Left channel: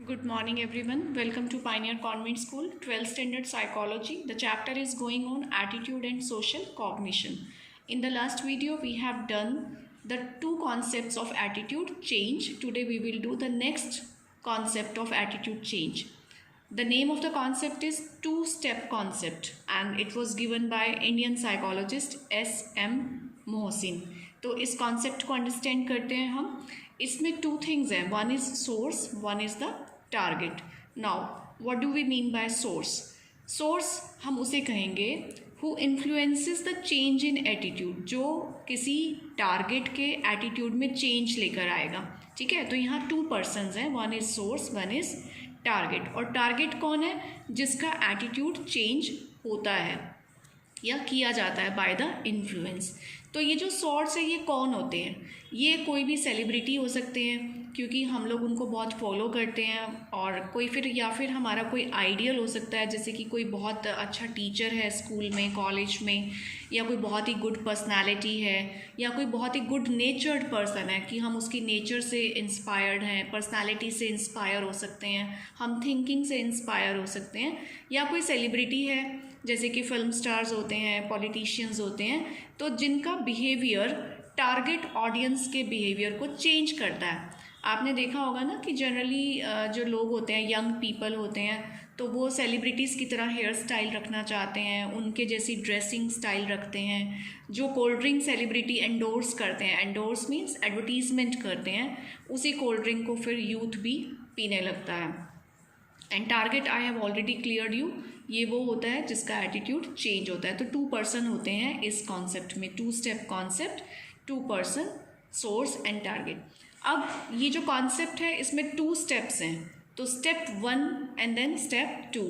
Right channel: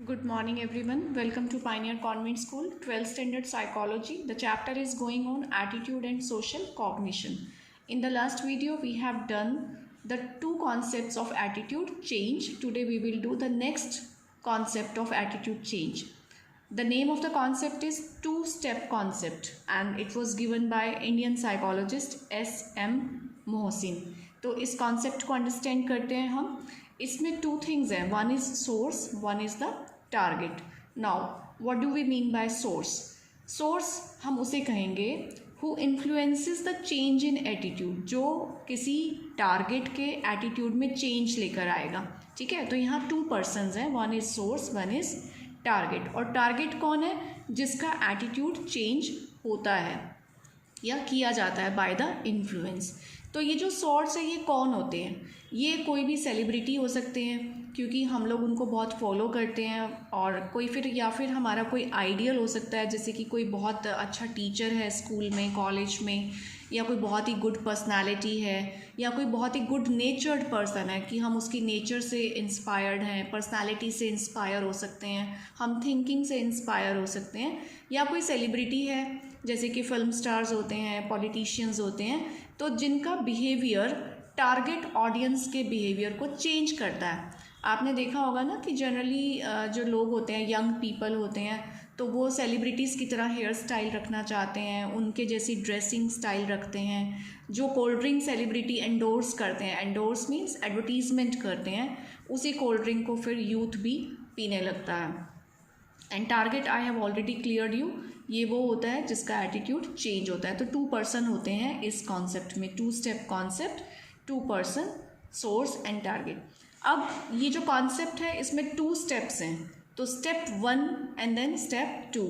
Good morning, everyone. Welcome to Pioneer Convent School, 12th Standard Psychology. The chapter is going on Attitude and Social Cognition. In the last video, we have done the two concepts of attitude change. Today, we will do the next concept of attitude change. The name of the concept is two-step concept and it was given by Indian psychologist S.M. Mohsin. तो इस concept को understand करते हैं हम. इसमें two things हैं, one is source, one is the target. Now what do we mean by source? Source हम उसे कहेंगे who influences the change in attitude, जो किसी टारगेट के एटीट्यूड में चेंज लेकर आएगा. ठीक है, तो यहाँ टू पर्सन्स हैं, one is source, one is target. और टारगेट कौन है? जिसका एटीट्यूड चेंज होता है या किया जाता है बाय द इन्फ्लुएंस. तो ये जो सोर्स है ये कौन होते हैं? ये कोई भी सेलिब्रिटी हो सकते हैं क्योंकि हम लोग उनको बहुत फॉलो करते हैं, और कोई फिर हमारा कोई आइडियल हो सकता है, जैसे कि कोई बहुत अच्छा टीचर है स्कूल में, कॉलेज में, या कोई बहुत ही गुड पर्सनालिटी है, या कोई बहुत ही गुड नेचर्ड पर्सन है कि हम उसकी नेचर से इंस्पायर्ड हैं, पर्सनालिटी से इंस्पायर हो सकते हैं, हम थिंकिंग से इंस्पायर हो सकते हैं. या कोई सेलिब्रिटी है जैसे कि फिल्म स्टार्स होते हैं, पॉलिटिशियंस होते हैं, तो जिनका बिहेवियर टारगेट ऑडियंस के बिहेवियर को चेंज करता है. आपने देखा होगा ना कि जनरली जो लोग होते हैं, यंग पीपल होते हैं, तो वो सेलिब्रिटीज़ की तरह हेयर स्टाइल रखना चाहते हैं, उनके जैसी ड्रेसिंग स्टाइल रखते हैं. जो कोल्ड ड्रिंक सेलिब्रिटी एंडोर्स करते हैं, एंडोर्स मीन्स एडवर्टीजमेंट करते हैं, उसी कोल्ड ड्रिंक को फिर यूथ भी पीने लगता है. And target I have already cleared you, ये वो होता है जिसका एटीट्यूड चेंज होता है. तो टू पर्सन होते हैं इस कॉन्सेप्ट में, two step concept, two person, source and target. अब ये जो कॉन्सेप्ट है इसमें टू स्टेप्स हैं, तो step one and then step two.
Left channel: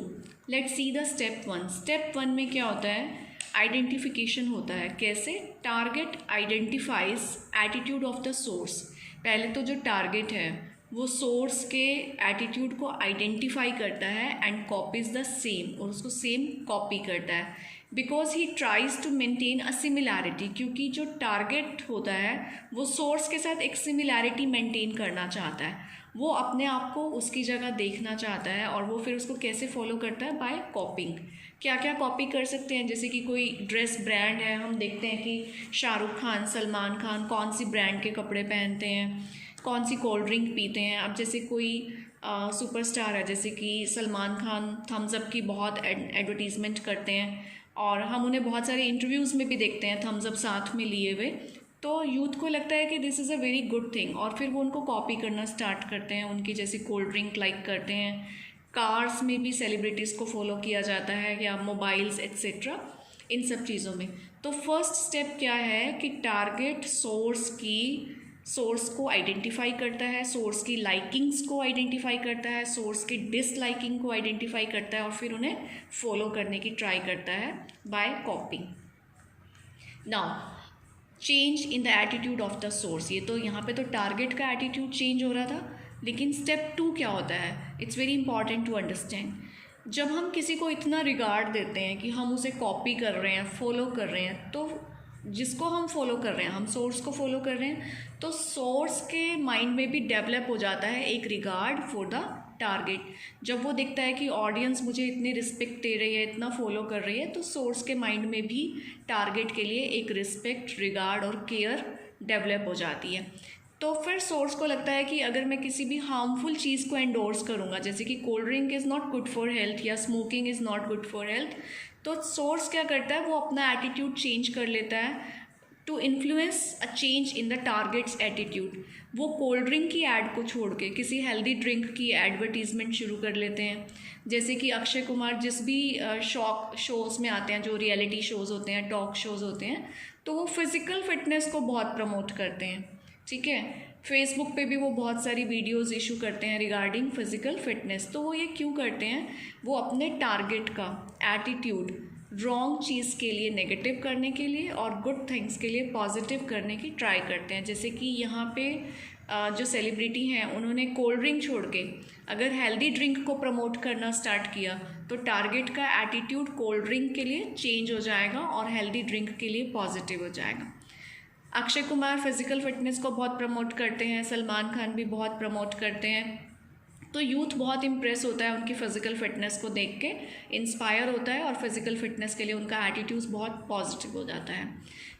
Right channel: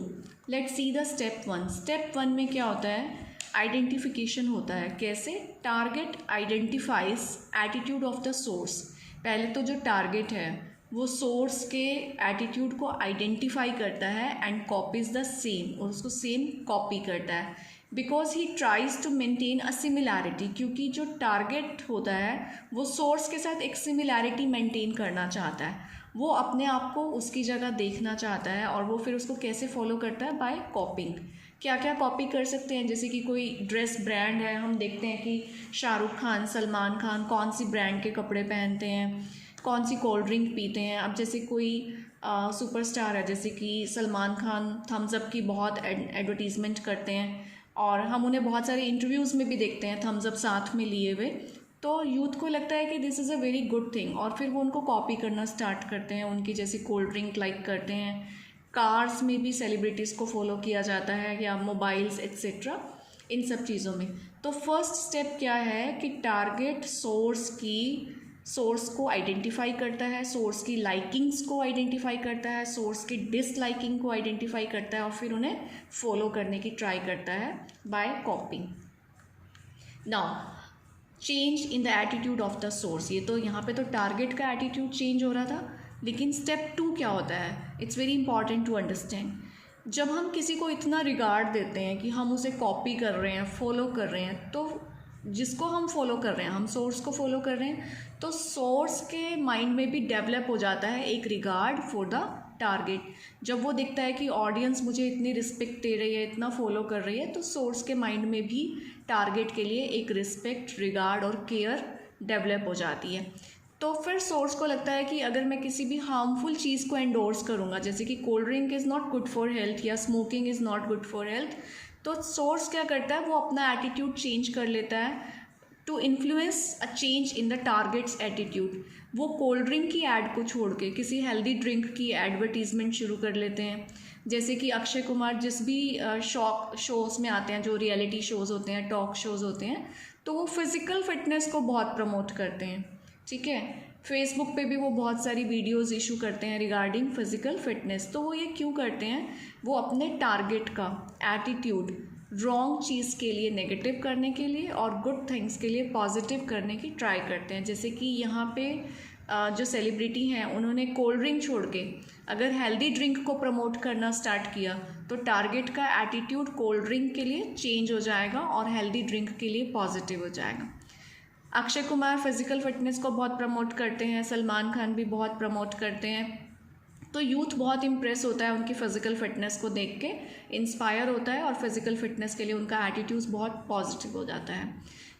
Let's see the step one. Step one में क्या होता है? आइडेंटिफिकेशन होता है. कैसे? Target identifies attitude of the source. पहले तो जो टारगेट है वो सोर्स के एटीट्यूड को आइडेंटिफाई करता है एंड कॉपीज द सेम, और उसको सेम कॉपी करता है. Because he tries to maintain a similarity, क्योंकि जो टारगेट होता है वो सोर्स के साथ एक सिमिलैरिटी मेंटेन करना चाहता है. वो अपने आप को उसकी जगह देखना चाहता है, और वो फिर उसको कैसे फॉलो करता है? By copying. क्या क्या कॉपी कर सकते हैं? जैसे कि कोई ड्रेस ब्रांड है, हम देखते हैं कि शाहरुख खान, सलमान खान कौन सी ब्रांड के कपड़े पहनते हैं, कौन सी कोल्ड ड्रिंक पीते हैं. अब जैसे कोई सुपरस्टार है, जैसे कि सलमान खान थम्स अप की बहुत एडवर्टीज़मेंट करते हैं, और हम उन्हें बहुत सारे इंटरव्यूज़ में भी देखते हैं थम्स अप साथ में लिए हुए. तो यूथ को लगता है कि this is a very good thing, और फिर वो उनको कॉपी करना स्टार्ट करते हैं, उनकी जैसी कोल्ड ड्रिंक लाइक करते हैं. कार्स में भी सेलिब्रिटीज़ को फॉलो किया जाता है, या मोबाइल्स एक्सेट्रा, इन सब चीज़ों में. तो फर्स्ट स्टेप क्या है कि टारगेट सोर्स को आइडेंटिफाई करता है, सोर्स की लाइकिंग्स को आइडेंटिफाई करता है, सोर्स की डिसलाइकिंग को आइडेंटिफाई करता है, और फिर उन्हें फॉलो करने की ट्राई करता है by copying. Now change in the attitude of the source. ये तो यहाँ पे तो टारगेट का एटीट्यूड चेंज हो रहा था, लेकिन स्टेप टू क्या होता है? It's very important to understand. जब हम किसी को इतना रिगार्ड देते हैं कि हम उसे कॉपी कर रहे हैं, फॉलो कर रहे हैं, तो जिसको हम फॉलो कर रहे हैं, हम सोर्स को फॉलो कर रहे हैं, तो सोर्स के माइंड में भी डेवलप हो जाता है एक रिगार्ड फॉर द टारगेट. जब वो देखता है कि ऑडियंस मुझे इतनी रिस्पेक्ट दे रही है, इतना फॉलो कर रही है, तो सोर्स के माइंड में भी टारगेट के लिए एक रिस्पेक्ट, रिगार्ड और केयर डेवलप हो जाती है. तो फिर सोर्स को लगता है कि अगर मैं किसी भी हार्मफुल चीज़ को एंडोर्स करूँगा, जैसे कि cold drink is not good for health या smoking is not good for health, तो सोर्स क्या करता है? वो अपना एटीट्यूड चेंज कर लेता है to influence a change in the target's attitude. वो कोल्ड ड्रिंक की ऐड को छोड़ के किसी हेल्दी ड्रिंक की एडवर्टीजमेंट शुरू कर लेते हैं. जैसे कि अक्षय कुमार जिस भी शोज़ में आते हैं, जो रियलिटी शोज़ होते हैं, टॉक शोज़ होते हैं, तो वो फिज़िकल फिटनेस को बहुत प्रमोट करते हैं. ठीक है, फेसबुक पे भी वो बहुत सारी वीडियोस इशू करते हैं रिगार्डिंग फिज़िकल फिटनेस. तो वो ये क्यों करते हैं? वो अपने टारगेट का एटीट्यूड रॉन्ग चीज़ के लिए नेगेटिव करने के लिए, और गुड थिंग्स के लिए पॉजिटिव करने की ट्राई करते हैं. जैसे कि यहाँ पे जो सेलिब्रिटी हैं, उन्होंने कोल्ड ड्रिंक छोड़ के अगर हेल्दी ड्रिंक को प्रमोट करना स्टार्ट किया, तो टारगेट का एटीट्यूड कोल्ड ड्रिंक के लिए चेंज हो जाएगा और हेल्दी ड्रिंक के लिए पॉजिटिव हो जाएगा. अक्षय कुमार फिज़िकल फिटनेस को बहुत प्रमोट करते हैं, सलमान खान भी बहुत प्रमोट करते हैं, तो यूथ बहुत इम्प्रेस होता है उनकी फ़िज़िकल फिटनेस को देख के, इंस्पायर होता है और फिज़िकल फिटनेस के लिए उनका एटीट्यूड बहुत पॉजिटिव हो जाता है।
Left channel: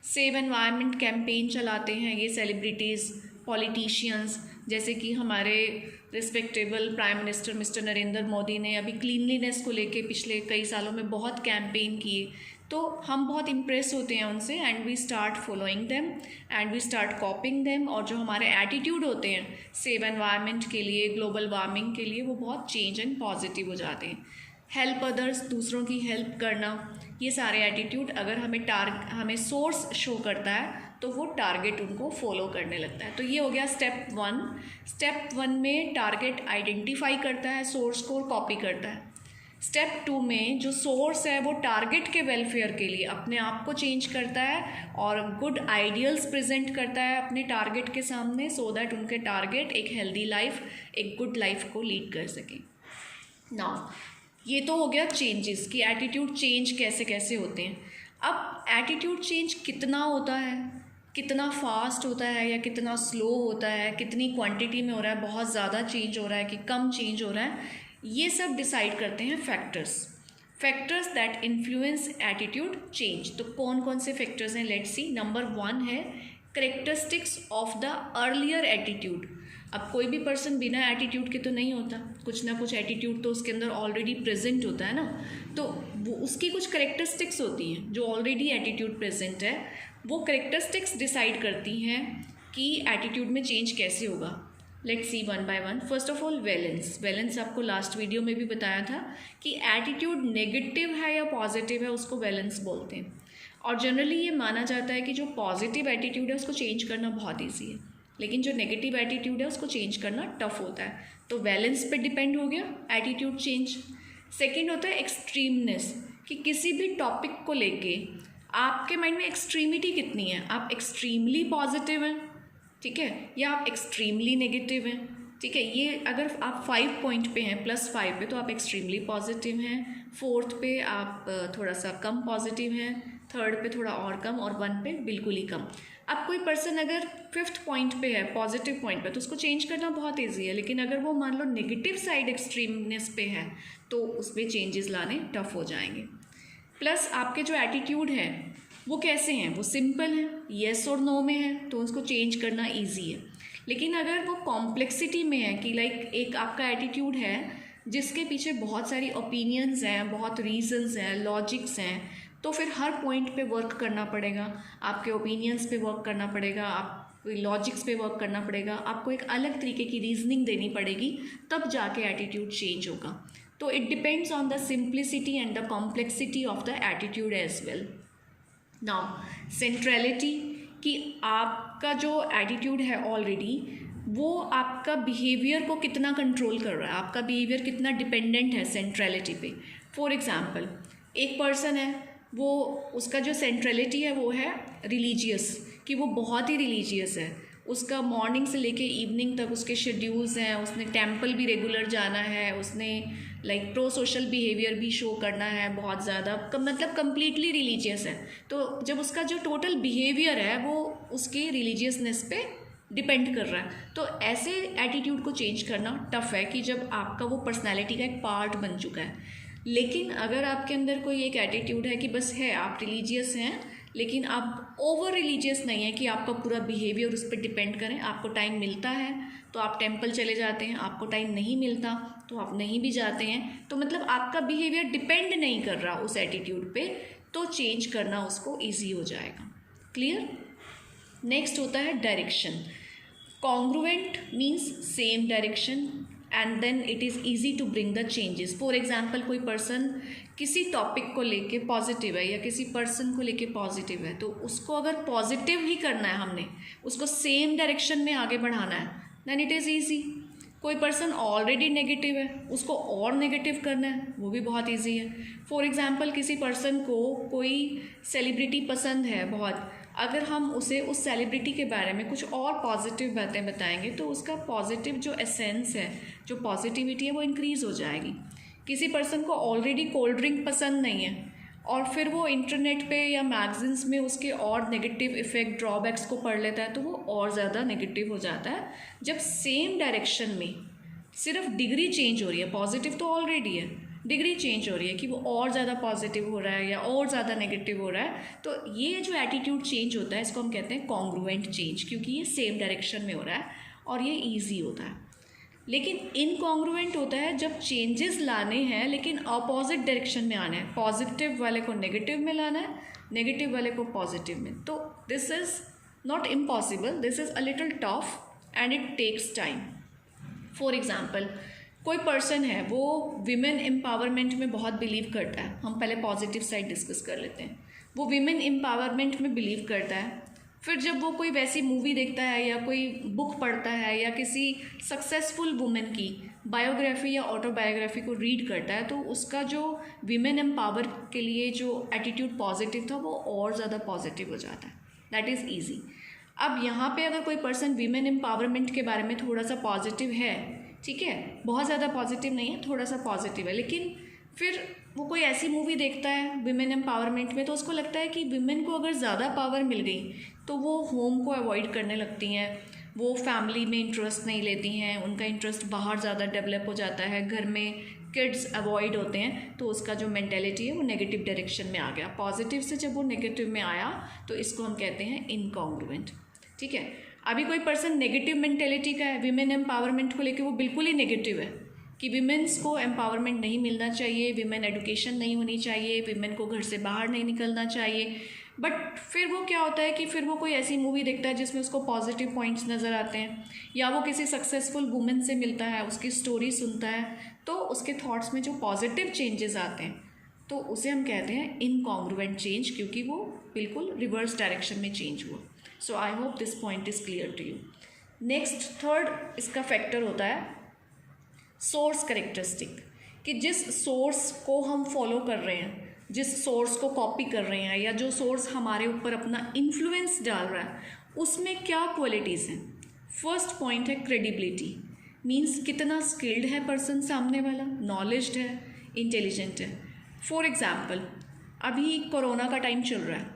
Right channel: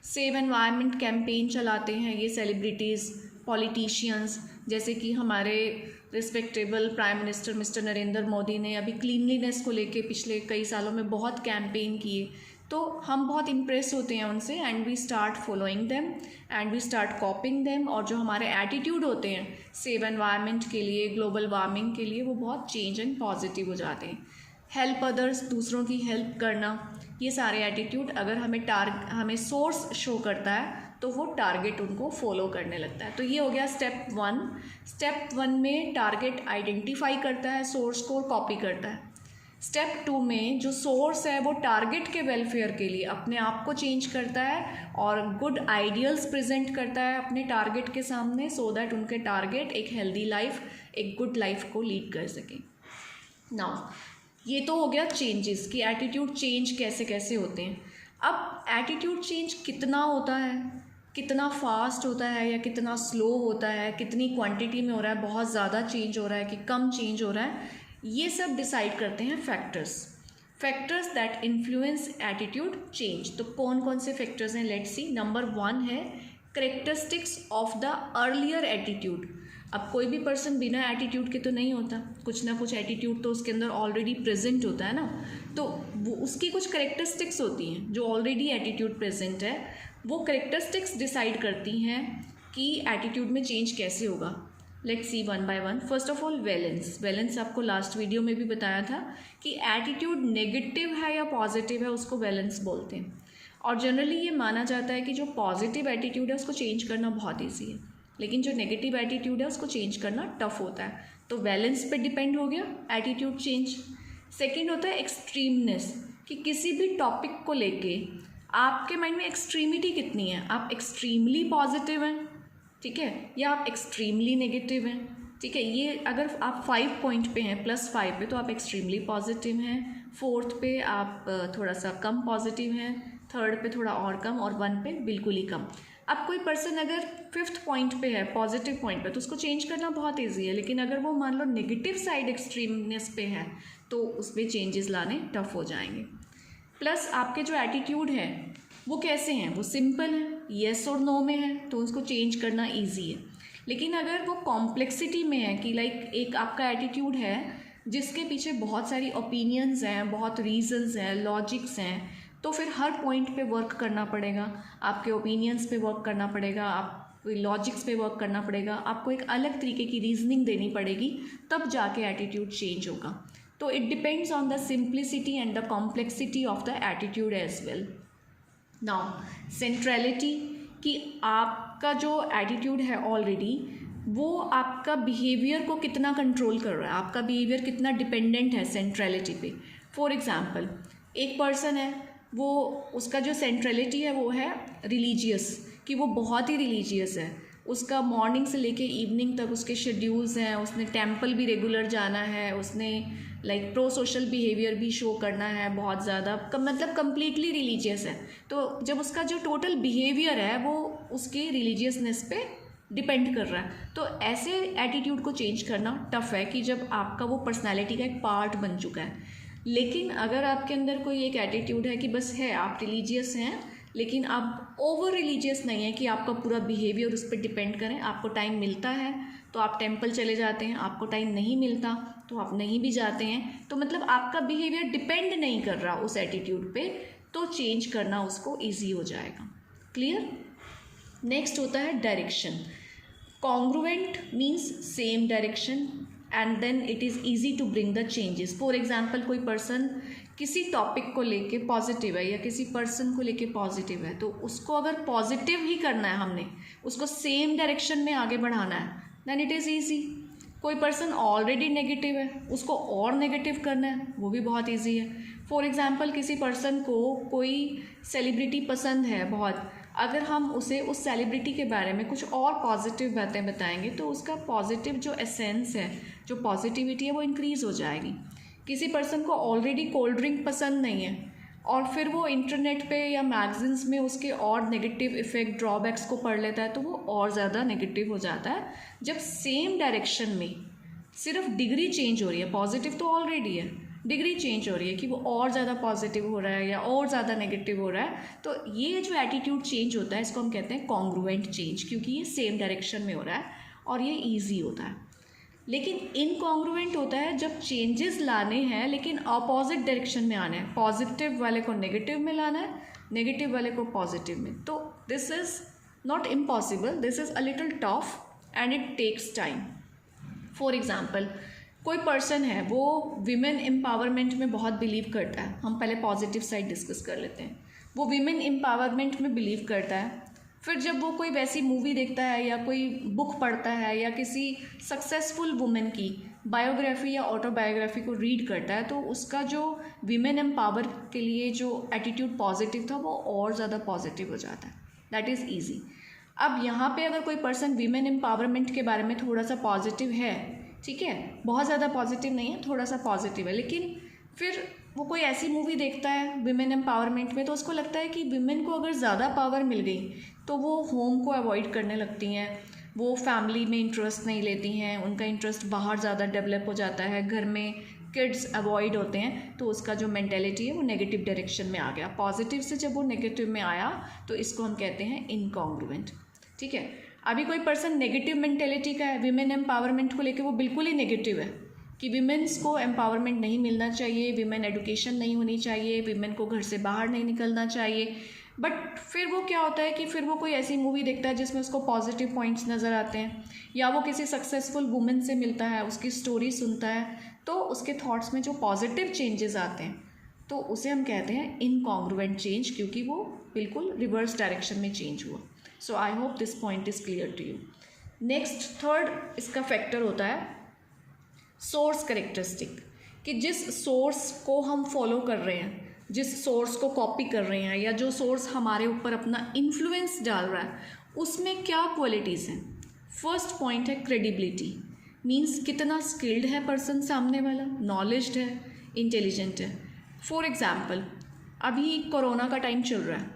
सेव एनवायरनमेंट कैंपेन चलाते हैं ये सेलिब्रिटीज़, पॉलिटिशियंस, जैसे कि हमारे respectable prime minister mister Narendra Modi ने अभी क्लीनलीनेस को लेके पिछले कई सालों में बहुत कैंपेन किए। तो हम बहुत इम्प्रेस होते हैं उनसे and we start following them and we start copying them. और जो हमारे एटीट्यूड होते हैं सेव एनवायरनमेंट के लिए, ग्लोबल वार्मिंग के लिए, वो बहुत चेंज एंड पॉजिटिव हो जाते हैं। हेल्प अदर्स, दूसरों की हेल्प करना, ये सारे एटीट्यूड अगर हमें सोर्स शो करता है तो वो टारगेट उनको फॉलो करने लगता है। तो ये हो गया स्टेप 1। स्टेप 1 में टारगेट आइडेंटिफाई करता है, सोर्स को कॉपी करता है। स्टेप 2 में जो सोर्स है वो टारगेट के वेलफेयर के लिए अपने आप को चेंज करता है और गुड आइडियल्स प्रेजेंट करता है अपने टारगेट के सामने, सो दैट उनके टारगेट एक हेल्दी लाइफ, एक गुड लाइफ को लीड कर सकें। नाउ ये तो हो गया चेंजेस कि एटीट्यूड चेंज कैसे कैसे होते हैं। अब एटीट्यूड चेंज कितना होता है, कितना फास्ट होता है या कितना स्लो होता है, कितनी क्वांटिटी में हो रहा है, बहुत ज़्यादा चेंज हो रहा है कि कम चेंज हो रहा है, ये सब डिसाइड करते हैं factors that influence attitude change. तो कौन कौन से फैक्टर्स हैं, लेट्स सी। नंबर 1 है characteristics of the earlier attitude. अब कोई भी पर्सन बिना एटीट्यूड के तो नहीं होता, कुछ ना कुछ एटीट्यूड तो उसके अंदर ऑलरेडी प्रेजेंट होता है ना। तो वो उसकी कुछ करेक्टरिस्टिक्स होती हैं जो ऑलरेडी एटीट्यूड प्रेजेंट है, वो करेक्टरिस्टिक्स डिसाइड करती हैं कि एटीट्यूड में चेंज कैसे होगा। Let's see one by one. First of all valence आपको लास्ट वीडियो में भी बताया था कि एटीट्यूड नेगेटिव है या पॉजिटिव है उसको वैलेंस बोलते हैं। और जनरली ये माना जाता है कि जो पॉजिटिव एटीट्यूड है उसको चेंज करना बहुत ईजी है, लेकिन जो नेगेटिव एटीट्यूड है उसको चेंज करना टफ होता है। तो वैलेंस पे डिपेंड हो गया एटीट्यूड चेंज। सेकेंड होता है एक्सट्रीमनेस, कि किसी भी टॉपिक को लेके आपके माइंड में एक्सट्रीमिटी कितनी है, आप एक्सट्रीमली पॉजिटिव हैं, ठीक है, या आप एक्सट्रीमली नेगेटिव हैं, ठीक है। ये अगर आप 5 पॉइंट पे हैं +5 पे तो आप एक्सट्रीमली पॉजिटिव हैं, 4th पे आप थोड़ा सा कम पॉजिटिव हैं, 3rd पे थोड़ा और कम, और 1 पे बिल्कुल ही कम। अब कोई पर्सन अगर 5th पॉइंट पे है, पॉजिटिव पॉइंट पे, तो उसको चेंज करना बहुत ईजी है, लेकिन अगर वो मान लो नेगेटिव साइड एक्सट्रीमनेस पे है तो उसमें चेंजेस लाने टफ हो जाएंगे। प्लस आपके जो एटीट्यूड हैं वो कैसे हैं, वो सिंपल हैं, येस और नो में है, तो उसको चेंज करना ईजी है। लेकिन अगर वो कॉम्प्लेक्सिटी में है कि लाइक एक आपका एटीट्यूड है जिसके पीछे बहुत सारी ओपिनियंस हैं, बहुत रीजंस हैं, लॉजिक्स हैं, तो फिर हर पॉइंट पे वर्क करना पड़ेगा, आपके ओपिनियंस पे वर्क करना पड़ेगा, आप लॉजिक्स पे वर्क करना पड़ेगा, आपको एक अलग तरीके की रीजनिंग देनी पड़ेगी, तब जाके एटीट्यूड चेंज होगा। तो it depends on the simplicity and the complexity of the attitude as well. Now centrality, कि आपका जो एटीट्यूड है ऑलरेडी वो आपका बिहेवियर को कितना कंट्रोल कर रहा है, आपका बिहेवियर कितना डिपेंडेंट है सेंट्रलिटी पे। फॉर एग्जांपल एक पर्सन है, वो उसका जो सेंट्रलिटी है वो है रिलीजियस, कि वो बहुत ही रिलीजियस है, उसका मॉर्निंग से लेके इवनिंग तक उसके शेड्यूल्स हैं, उसने टेम्पल भी रेगुलर जाना है, उसने लाइक प्रो सोशल बिहेवियर भी शो करना है बहुत ज़्यादा, मतलब कम्प्लीटली रिलीजियस है। तो जब उसका जो टोटल बिहेवियर है वो उसके रिलीजियसनेस पे डिपेंड कर रहा है, तो ऐसे एटीट्यूड को चेंज करना टफ है कि जब आपका वो पर्सनैलिटी का एक पार्ट बन चुका है। लेकिन अगर आपके अंदर कोई एक एटीट्यूड है कि बस है आप रिलीजियस हैं, लेकिन आप ओवर रिलीजियस नहीं है कि आपका पूरा बिहेवियर उस पर डिपेंड करें, आपको टाइम मिलता है तो आप टेंपल चले जाते हैं, आपको टाइम नहीं मिलता तो आप नहीं भी जाते हैं, तो मतलब आपका बिहेवियर डिपेंड नहीं कर रहा उस एटीट्यूड पे, तो चेंज करना उसको ईजी हो जाएगा। क्लियर। नेक्स्ट होता है direction. Congruent means same direction and then it is easy to bring the changes. For example कोई पर्सन किसी टॉपिक को लेके पॉजिटिव है या किसी पर्सन को लेके पॉजिटिव है, तो उसको अगर पॉजिटिव ही करना है, हमने उसको सेम डायरेक्शन में आगे बढ़ाना है, देन इट इज़ ईजी। कोई पर्सन ऑलरेडी नेगेटिव है, उसको और नेगेटिव करना है, वो भी बहुत ईजी है। फॉर एग्जाम्पल किसी पर्सन को कोई सेलिब्रिटी पसंद है बहुत, अगर हम उसे उस सेलिब्रिटी के बारे में कुछ और पॉजिटिव बातें बताएंगे तो उसका पॉजिटिव जो एसेंस है, जो पॉजिटिविटी है, वो इंक्रीज़ हो जाएगी। किसी पर्सन को ऑलरेडी कोल्ड ड्रिंक पसंद नहीं है और फिर वो इंटरनेट पे या मैगजीन्स में उसके और नेगेटिव इफ़ेक्ट, ड्रॉबैक्स को पढ़ लेता है, तो वो और ज़्यादा नेगेटिव हो जाता है। जब सेम डायरेक्शन में सिर्फ डिग्री चेंज हो रही है, पॉजिटिव तो ऑलरेडी है, डिग्री चेंज हो रही है कि वो और ज़्यादा पॉजिटिव हो रहा है या और ज़्यादा नेगेटिव हो रहा है। तो ये जो एटीट्यूड चेंज होता है इसको हम कहते हैं कॉन्ग्रुएंट चेंज, क्योंकि ये सेम डायरेक्शन में हो रहा है और ये ईजी होता है। लेकिन इनकॉन्ग्रुएंट होता है जब चेंजेस लाने हैं लेकिन अपोजिट डायरेक्शन में आना है, पॉजिटिव वाले को नेगेटिव में लाना है, नेगेटिव वाले को पॉजिटिव में। तो this is not impossible, this is a little tough and it takes time. For example, कोई पर्सन है वो विमेन एम्पावरमेंट में बहुत बिलीव करता है, हम पहले पॉजिटिव साइड डिस्कस कर लेते हैं। वो विमेन एम्पावरमेंट में बिलीव करता है, फिर जब वो कोई वैसी मूवी देखता है या कोई बुक पढ़ता है या किसी सक्सेसफुल वुमेन की बायोग्राफी या ऑटोबायोग्राफी को रीड करता है, तो उसका जो विमेन एम्पावर के लिए जो एटीट्यूड पॉजिटिव था वो और ज़्यादा पॉजिटिव हो जाता है। That is easy. अब यहाँ पे अगर कोई पर्सन विमेन एम्पावरमेंट के बारे में थोड़ा सा पॉजिटिव है, ठीक है, बहुत ज़्यादा पॉजिटिव नहीं है, थोड़ा सा पॉजिटिव है, लेकिन फिर वो कोई ऐसी मूवी देखता है विमेन एम्पावरमेंट में तो उसको लगता है कि विमेन को अगर ज़्यादा पावर मिल गई तो वो होम को अवॉइड करने लगती हैं, वो फैमिली में इंटरेस्ट नहीं लेती हैं, उनका इंटरेस्ट बाहर ज़्यादा डेवलप हो जाता है, घर में किड्स अवॉइड होते हैं, तो उसका जो मेंटेलिटी है वो नेगेटिव डायरेक्शन में आ गया। पॉजिटिव से जब वो नेगेटिव में आया तो इसको हम कहते हैं इनकॉन्ग्रुएंट। ठीक है, अभी कोई पर्सन नेगेटिव मेंटेलिटी का है, विमेन एम्पावरमेंट को लेकर वो बिल्कुल ही नेगेटिव है कि विमेंस को एम्पावरमेंट नहीं मिलना चाहिए, विमेन एडुकेशन नहीं होनी चाहिए, विमेन को घर से बाहर नहीं निकलना चाहिए। बट फिर वो क्या होता है कि फिर वो कोई ऐसी मूवी देखता है जिसमें उसको पॉजिटिव पॉइंट्स नज़र आते हैं, या वो किसी सक्सेसफुल वुमेन से मिलता है, उसकी स्टोरी सुनता है, तो उसके थॉट्स में जो पॉजिटिव चेंजेस आते हैं तो उसे हम कहते हैं इनकॉन्ग्रुएंट चेंज, क्योंकि वो बिल्कुल रिवर्स डायरेक्शन में चेंज हुआ। So I hope this point is clear to you. Next third इसका फैक्टर होता है सोर्स करेक्टरिस्टिक, कि जिस सोर्स को हम फॉलो कर रहे हैं, जिस सोर्स को कॉपी कर रहे हैं, या जो सोर्स हमारे ऊपर अपना इन्फ्लुएंस डाल रहा है, उसमें क्या क्वालिटीज़ हैं। फर्स्ट पॉइंट है क्रेडिबिलिटी, मीन्स कितना स्किल्ड है पर्सन सामने वाला, नॉलेज्ड है, इंटेलिजेंट है। फॉर एग्जाम्पल, अभी कोरोना का टाइम चल रहा है,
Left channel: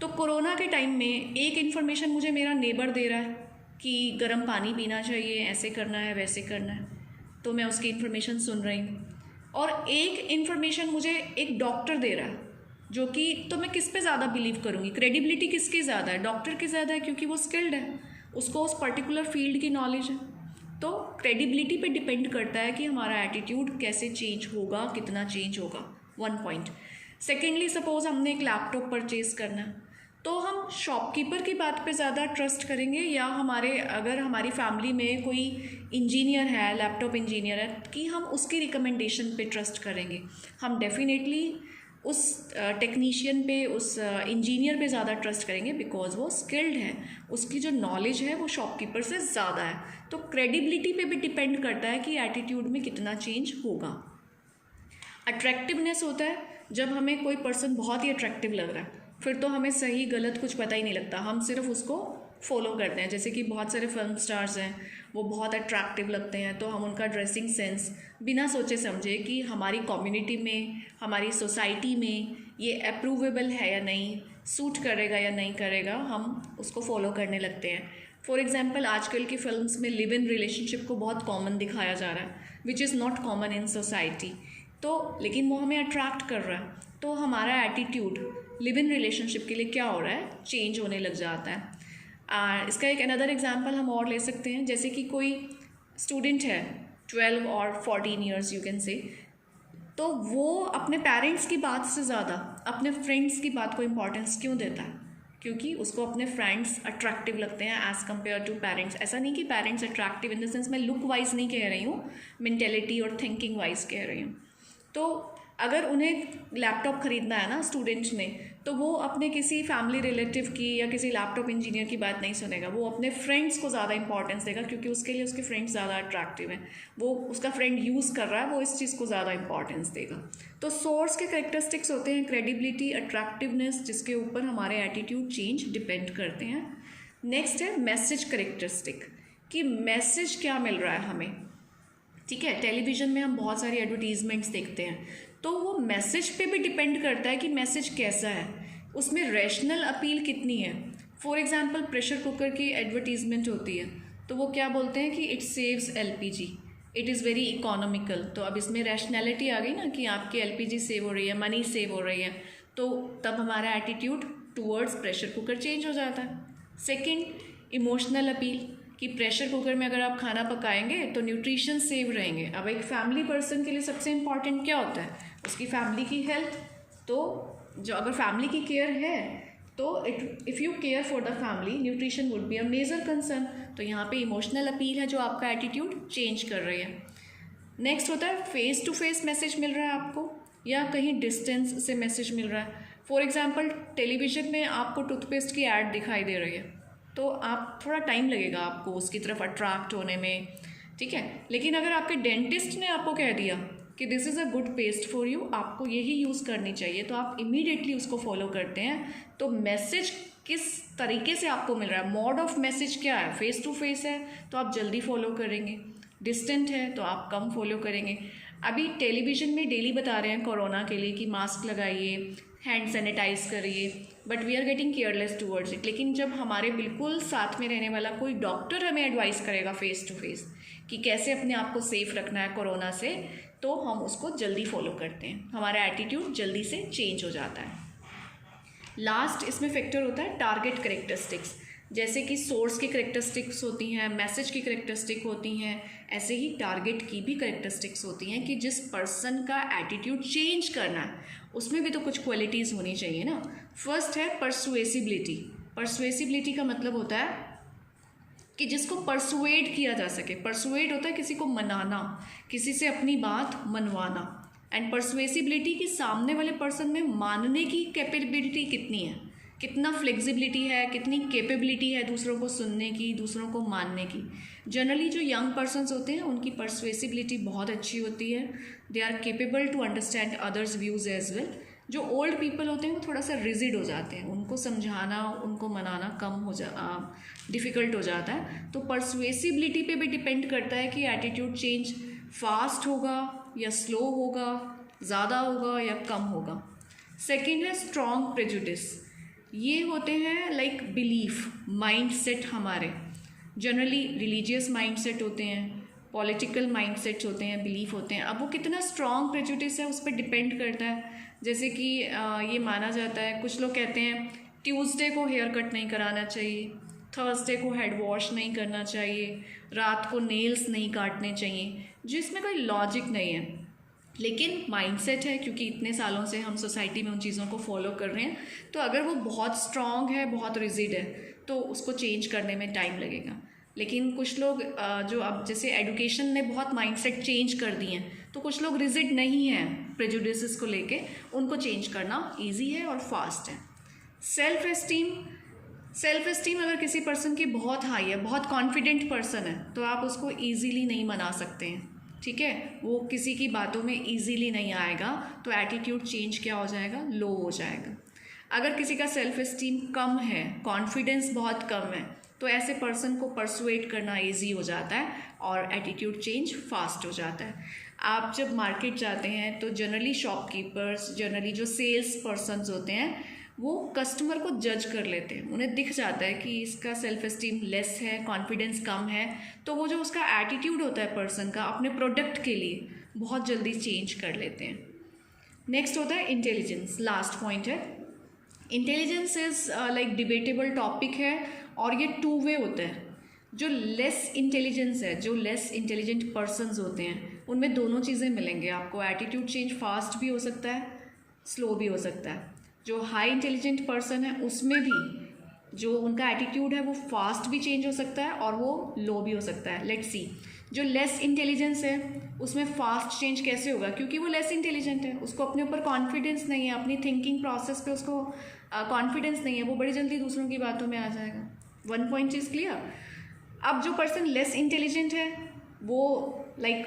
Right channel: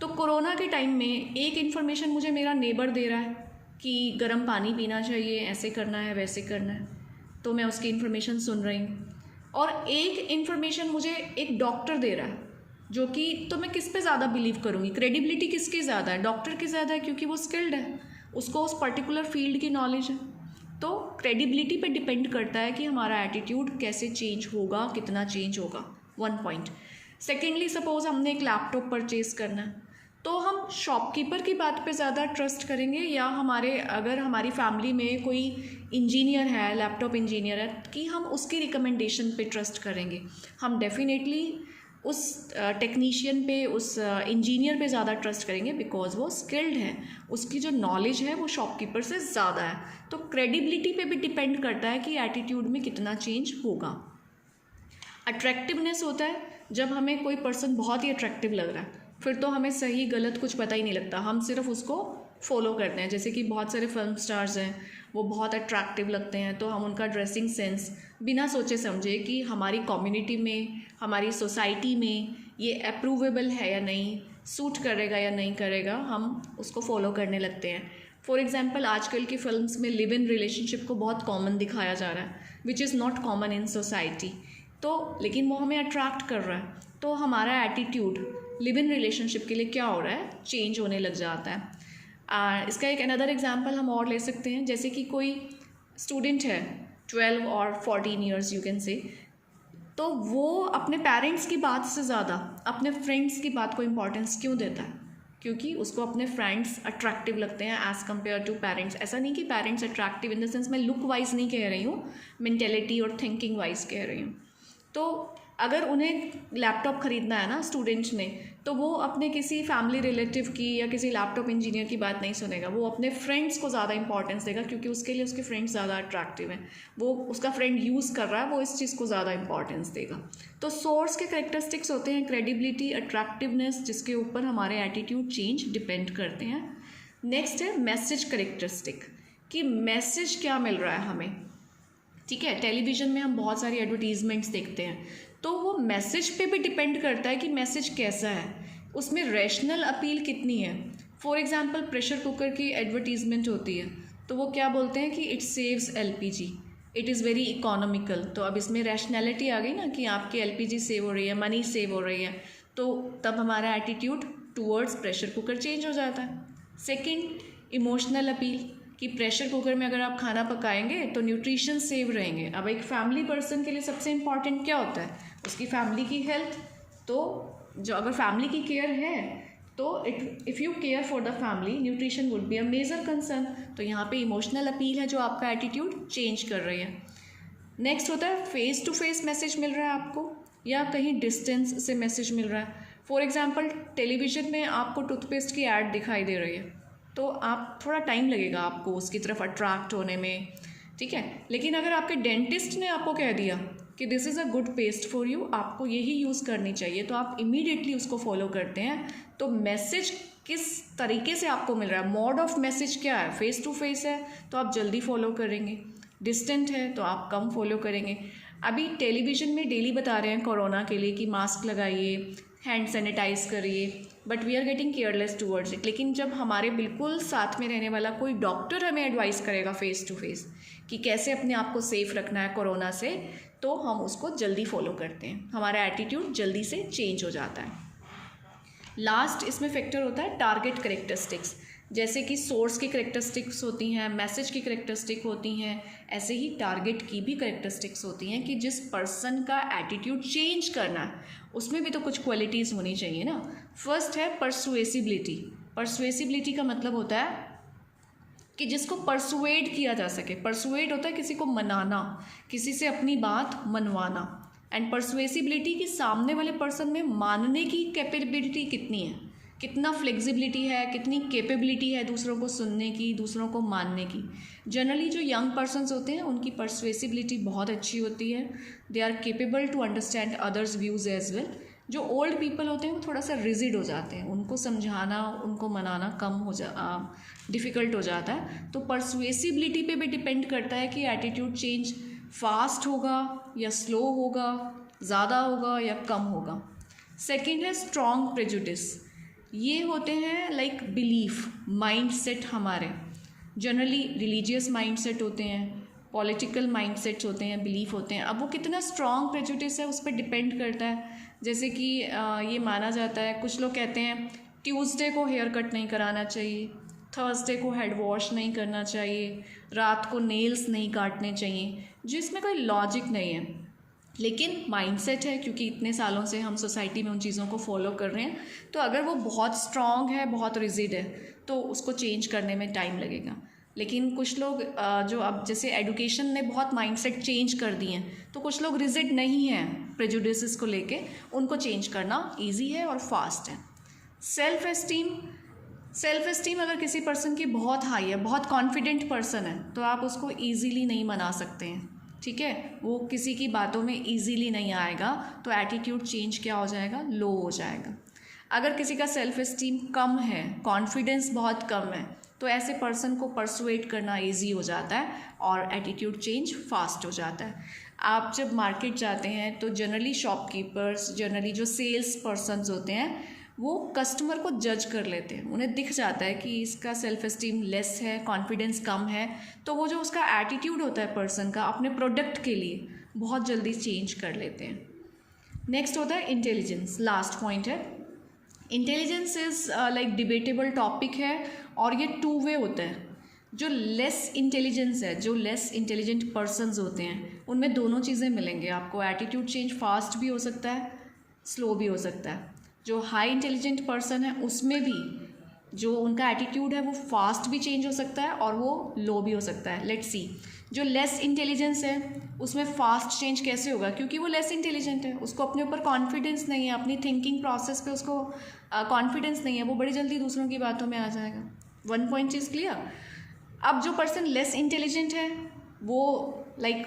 तो कोरोना के टाइम में एक इन्फॉर्मेशन मुझे मेरा नेबर दे रहा है कि गर्म पानी पीना चाहिए, ऐसे करना है, वैसे करना है, तो मैं उसकी इन्फॉर्मेशन सुन रही हूँ। और एक इन्फॉर्मेशन मुझे एक डॉक्टर दे रहा है, जो कि तो मैं किस पे ज़्यादा बिलीव करूँगी, क्रेडिबिलिटी किसकी ज़्यादा है, डॉक्टर की ज़्यादा है, क्योंकि वो स्किल्ड है, उसको उस पर्टिकुलर फील्ड की नॉलेज है। तो क्रेडिबिलिटी पे डिपेंड करता है कि हमारा एटीट्यूड कैसे चेंज होगा, कितना चेंज होगा। One point. सेकेंडली, सपोज हमने एक लैपटॉप परचेज करना है, तो हम शॉपकीपर की बात पे ज़्यादा ट्रस्ट करेंगे, या अगर हमारी फैमिली में कोई इंजीनियर है, लैपटॉप इंजीनियर है, कि हम उसकी रिकमेंडेशन पे ट्रस्ट करेंगे। हम डेफिनेटली उस टेक्नीशियन पे, उस इंजीनियर पे ज़्यादा ट्रस्ट करेंगे, बिकॉज वो स्किल्ड है, उसकी जो नॉलेज है वो शॉपकीपर से ज़्यादा है। तो क्रेडिबिलिटी पे भी डिपेंड करता है कि एटीट्यूड में कितना चेंज होगा। अट्रैक्टिवनेस होता है जब हमें कोई पर्सन बहुत ही अट्रैक्टिव लग रहा है, फिर तो हमें सही गलत कुछ पता ही नहीं लगता, हम सिर्फ उसको फॉलो करते हैं। जैसे कि बहुत सारे फिल्म स्टार्स हैं, वो बहुत अट्रैक्टिव लगते हैं, तो हम उनका ड्रेसिंग सेंस बिना सोचे समझे कि हमारी कम्युनिटी में, हमारी सोसाइटी में ये अप्रूवेबल है या नहीं, सूट करेगा या नहीं करेगा, हम उसको फॉलो करने लगते हैं। फॉर एग्जाम्पल, आजकल की फिल्म्स में लिव इन रिलेशनशिप को बहुत कॉमन दिखाया जा रहा है, which is not common in society, तो लेकिन वो हमें अट्रैक्ट कर रहा है, तो हमारा एटीट्यूड लिव इन रिलेशनशिप के लिए क्या हो रहा है, चेंज होने लग जाता है। इसका एक अनदर एग्जांपल हम और ले सकते हैं, जैसे कि कोई स्टूडेंट है 12 और 14 ईयर्स यू कैन से, तो वो अपने पेरेंट्स की बात से ज़्यादा अपने फ्रेंड्स की बात को इम्पोर्टेंस क्यों देता है, क्योंकि उसको अपने फ्रेंड्स अट्रैक्टिव लगते हैं एज़ कम्पेयर टू पेरेंट्स। ऐसा नहीं कि parents attractive in the sense मैं लुक वाइज नहीं कह रही हूँ, मेंटेलिटी और थिंकिंग वाइज कह रही हूँ। तो अगर उन्हें लैपटॉप ख़रीदना है ना स्टूडेंट्स ने, तो वो अपने किसी फैमिली रिलेटिव की या किसी लैपटॉप इंजीनियर की बात नहीं सुनेगा, वो अपने फ्रेंड्स को ज़्यादा इंपॉर्टेंस देगा, क्योंकि उसके लिए उसके फ्रेंड्स ज़्यादा अट्रैक्टिव हैं, वो उसका फ्रेंड यूज़ कर रहा है, वो इस चीज़ को ज़्यादा इंपॉर्टेंस देगा। तो सोर्स के करेक्टरिस्टिक्स होते हैं क्रेडिबिलिटी, अट्रैक्टिवनेस, जिसके ऊपर हमारे एटीट्यूड चेंज डिपेंड करते हैं। नेक्स्ट है मैसेज करेक्टरिस्टिक, कि मैसेज क्या मिल रहा है हमें। ठीक है, टेलीविज़न में हम बहुत सारी एडवर्टीजमेंट्स देखते हैं, तो वो मैसेज पे भी डिपेंड करता है कि मैसेज कैसा है, उसमें रैशनल अपील कितनी है। फॉर एग्जांपल, प्रेशर कुकर की एडवर्टीजमेंट होती है, तो वो क्या बोलते हैं कि it saves LPG, it is very economical. तो अब इसमें रैशनैलिटी आ गई ना कि आपकी एलपीजी सेव हो रही है, मनी सेव हो रही है, तो तब हमारा attitude towards pressure cooker change हो जाता है। सेकंड, इमोशनल अपील, कि प्रेशर कुकर में अगर आप खाना पकाएंगे तो न्यूट्रिशन सेव रहेंगे। अब एक फैमिली पर्सन के लिए सबसे इम्पॉर्टेंट क्या होता है? उसकी फैमिली की हेल्थ। तो जो अगर फैमिली की केयर है तो if you care for the family, nutrition would be a major concern. तो यहाँ पे इमोशनल अपील है जो आपका एटीट्यूड चेंज कर रही है। नेक्स्ट होता है फेस टू फेस मैसेज मिल रहा है आपको या कहीं डिस्टेंस से मैसेज मिल रहा है। फॉर एग्जाम्पल, टेलीविज़न में आपको टूथपेस्ट की ऐड दिखाई दे रही है तो आप थोड़ा टाइम लगेगा आपको उसकी तरफ अट्रैक्ट होने में, ठीक है। लेकिन अगर आपके डेंटिस्ट ने आपको कह दिया कि this is a good paste for you, आपको यही यूज़ करनी चाहिए, तो आप इमीडिएटली उसको फॉलो करते हैं। तो मैसेज किस तरीके से आपको मिल रहा है, मोड ऑफ मैसेज क्या है? फेस टू फेस है तो आप जल्दी फॉलो करेंगे, डिस्टेंट है तो आप कम फॉलो करेंगे। अभी टेलीविज़न में डेली बता रहे हैं कोरोना के लिए कि मास्क लगाइए, हैंड सैनिटाइज करिए, but we are getting careless towards it. लेकिन जब हमारे बिल्कुल साथ में रहने वाला कोई डॉक्टर हमें एडवाइस करेगा फेस टू फेस कि कैसे अपने आप को सेफ रखना है कोरोना से, तो हम उसको जल्दी फॉलो करते हैं, हमारा एटीट्यूड जल्दी से चेंज हो जाता है। लास्ट इसमें फैक्टर होता है टारगेट करेक्टरिस्टिक्स, जैसे कि सोर्स की करेक्टरिस्टिक्स होती हैं, मैसेज की करेक्टरिस्टिक होती हैं, ऐसे ही टारगेट की भी करेक्टरिस्टिक्स होती हैं कि जिस पर्सन का एटीट्यूड चेंज करना है उसमें भी तो कुछ क्वालिटीज़ होनी चाहिए ना। फर्स्ट है परसुएसिबिलिटी। परसुएसिबिलिटी का मतलब होता है कि जिसको परसुएड किया जा सके। परसुएड होता है किसी को मनाना, किसी से अपनी बात मनवाना। एंड परसुएसिबिलिटी कि सामने वाले पर्सन में मानने की कैपेबिलिटी कितनी है, कितना फ्लेक्सिबिलिटी है, कितनी कैपेबिलिटी है दूसरों को सुनने की, दूसरों को मानने की। जनरली जो यंग पर्सन्स होते हैं उनकी परसुएसिबिलिटी बहुत अच्छी होती है, they are capable to understand others views as well. जो ओल्ड पीपल होते हैं वो थोड़ा सा रिजिड हो जाते हैं, उनको समझाना, उनको मनाना कम हो डिफ़िकल्ट हो जाता है। तो परसुएसिबिलिटी पे भी डिपेंड करता है कि एटीट्यूड चेंज फास्ट होगा या स्लो होगा, ज़्यादा होगा या कम होगा। सेकंड है स्ट्रॉन्ग प्रेजुडिस। ये होते हैं लाइक बिलीफ, माइंड सेट हमारे जनरली रिलीजियस माइंड सेट होते हैं, पॉलिटिकल माइंड सेट्स होते हैं, बिलीफ होते हैं। अब वो कितना स्ट्रॉन्ग प्रेजुडिस है उस पर डिपेंड करता है। जैसे कि ये माना जाता है, कुछ लोग कहते हैं ट्यूसडे को हेयर कट नहीं कराना चाहिए, थर्सडे को हेड वॉश नहीं करना चाहिए, रात को नेल्स नहीं काटने चाहिए, जिसमें कोई लॉजिक नहीं है, लेकिन माइंडसेट है क्योंकि इतने सालों से हम सोसाइटी में उन चीज़ों को फॉलो कर रहे हैं। तो अगर वो बहुत स्ट्रॉन्ग है, बहुत रिजिड है, तो उसको चेंज करने में टाइम लगेगा। लेकिन कुछ लोग जो अब जैसे एडुकेशन ने बहुत माइंडसेट चेंज कर दिए हैं, तो कुछ लोग रिजिड नहीं हैं प्रेजुडिसेस को लेके, उनको चेंज करना ईजी है और फास्ट है। सेल्फ एस्टीम अगर किसी पर्सन की बहुत हाई है, बहुत कॉन्फिडेंट पर्सन है, तो आप उसको ईजीली नहीं मना सकते हैं, ठीक है। वो किसी की बातों में ईजीली नहीं आएगा, तो एटीट्यूड चेंज क्या हो जाएगा, लो हो जाएगा। अगर किसी का सेल्फ एस्टीम कम है, कॉन्फिडेंस बहुत कम है, तो ऐसे पर्सन को परसुएट करना ईजी हो जाता है और एटीट्यूड चेंज फास्ट हो जाता है। आप जब मार्केट जाते हैं तो जनरली शॉपकीपर्स, जनरली जो सेल्स पर्सनस होते हैं, वो कस्टमर को जज कर लेते हैं, उन्हें दिख जाता है कि इसका सेल्फ एस्टीम लेस है, कॉन्फिडेंस कम है, तो वो जो उसका एटीट्यूड होता है पर्सन का अपने प्रोडक्ट के लिए, बहुत जल्दी चेंज कर लेते हैं। नेक्स्ट होता है इंटेलिजेंस, लास्ट पॉइंट है। Intelligence is like debatable topic है और ये टू वे होता है। जो लेस इंटेलिजेंस है, जो लेस इंटेलिजेंट पर्सन्स होते हैं, उनमें दोनों चीज़ें मिलेंगे आपको। एटीट्यूड चेंज फास्ट भी हो सकता है, स्लो भी हो सकता है। जो हाई इंटेलिजेंट पर्सन है उसमें भी जो उनका एटीट्यूड है वो फास्ट भी चेंज हो सकता है और वो लो भी हो सकता है। लेट्स सी, जो लेस इंटेलिजेंस है उसमें फास्ट चेंज कैसे होगा, क्योंकि वो लेस इंटेलिजेंट है, उसको अपने ऊपर कॉन्फिडेंस नहीं है, अपनी थिंकिंग प्रोसेस पे उसको कॉन्फिडेंस नहीं है, वो बड़ी जल्दी दूसरों की बातों में आ जाएगा। One point is clear. अब जो पर्सन लेस इंटेलिजेंट है वो लाइक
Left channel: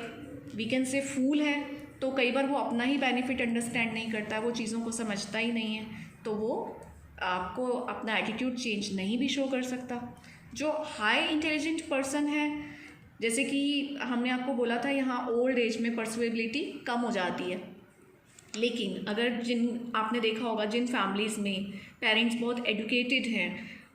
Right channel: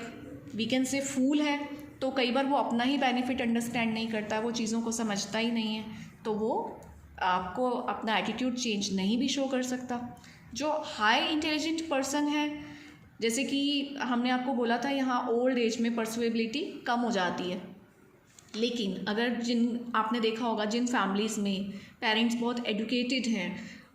वी कैन से फूल है, तो कई बार वो अपना ही बेनिफिट अंडरस्टैंड नहीं करता, वो चीज़ों को समझता ही नहीं है, तो वो आपको अपना एटीट्यूड चेंज नहीं भी शो कर सकता। जो हाई इंटेलिजेंट पर्सन है, जैसे कि हमने आपको बोला था यहाँ ओल्ड एज में परसुएबिलिटी कम हो जाती है, लेकिन अगर आपने देखा होगा जिन फैमिलीज़ में पेरेंट्स बहुत एडुकेटेड हैं,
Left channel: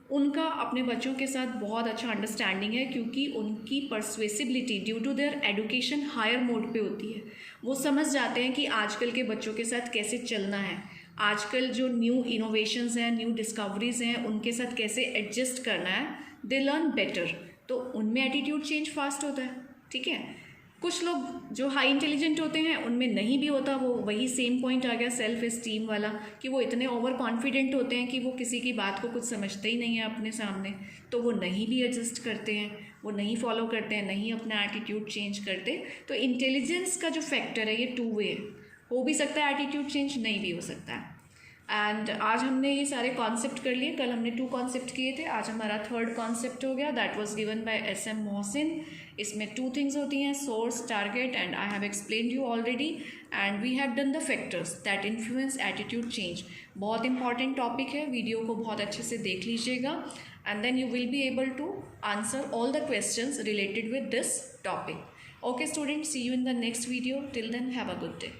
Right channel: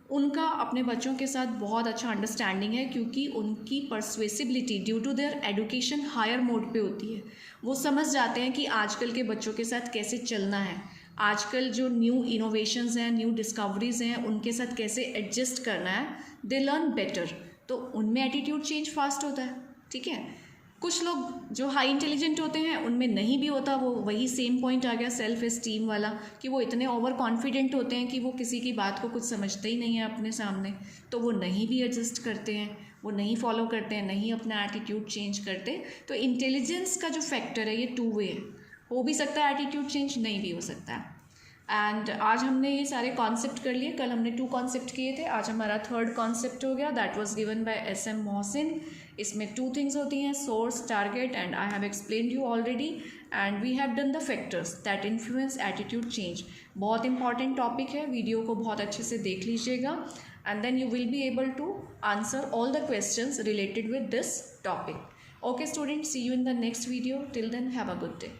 उनका अपने बच्चों के साथ बहुत अच्छा अंडरस्टैंडिंग है, क्योंकि उनकी persuasibility due to their education higher mode पे होती है। वो समझ जाते हैं कि आजकल के बच्चों के साथ कैसे चलना है, आजकल जो न्यू इनोवेशंस हैं, न्यू डिस्कवरीज हैं, उनके साथ कैसे एडजस्ट करना है। दे लर्न बेटर, तो उनमें एटीट्यूड चेंज फास्ट होता है। ठीक है, कुछ लोग जो हाई इंटेलिजेंट होते हैं उनमें नहीं भी होता, वो वही सेम पॉइंट आ गया सेल्फ एस्टीम वाला, कि वो इतने ओवर कॉन्फिडेंट होते हैं कि वो किसी की बात को कुछ समझते ही नहीं है अपने सामने, तो वो नहीं भी एडजस्ट करते हैं, वो नहीं फॉलो करते हैं, नहीं अपना एटीट्यूड चेंज करते। तो इंटेलिजेंस का जो फैक्टर है ये टू वे, हो भी सकता है एटीट्यूड चेंज, नहीं भी हो सकता है। एंड आज हमने ये सारे कॉन्सेप्ट कर लिए, कल हमने 2 कॉन्सेप्ट किए थे, आज हमारा 3rd कॉन्सेप्ट हो गया, that was given by SM Mohsin. इसमें 2 थिंग्स होती हैं, source, target, and I have explained you already, and we have done the factors that influence attitude change. बहुत इंपॉर्टेंट टॉपिक है, वीडियो को बहुत अच्छे से देख लीजिएगा, and then you will be able to answer all the questions related with this topic. Okay student, see you in the next video, till then have a good day.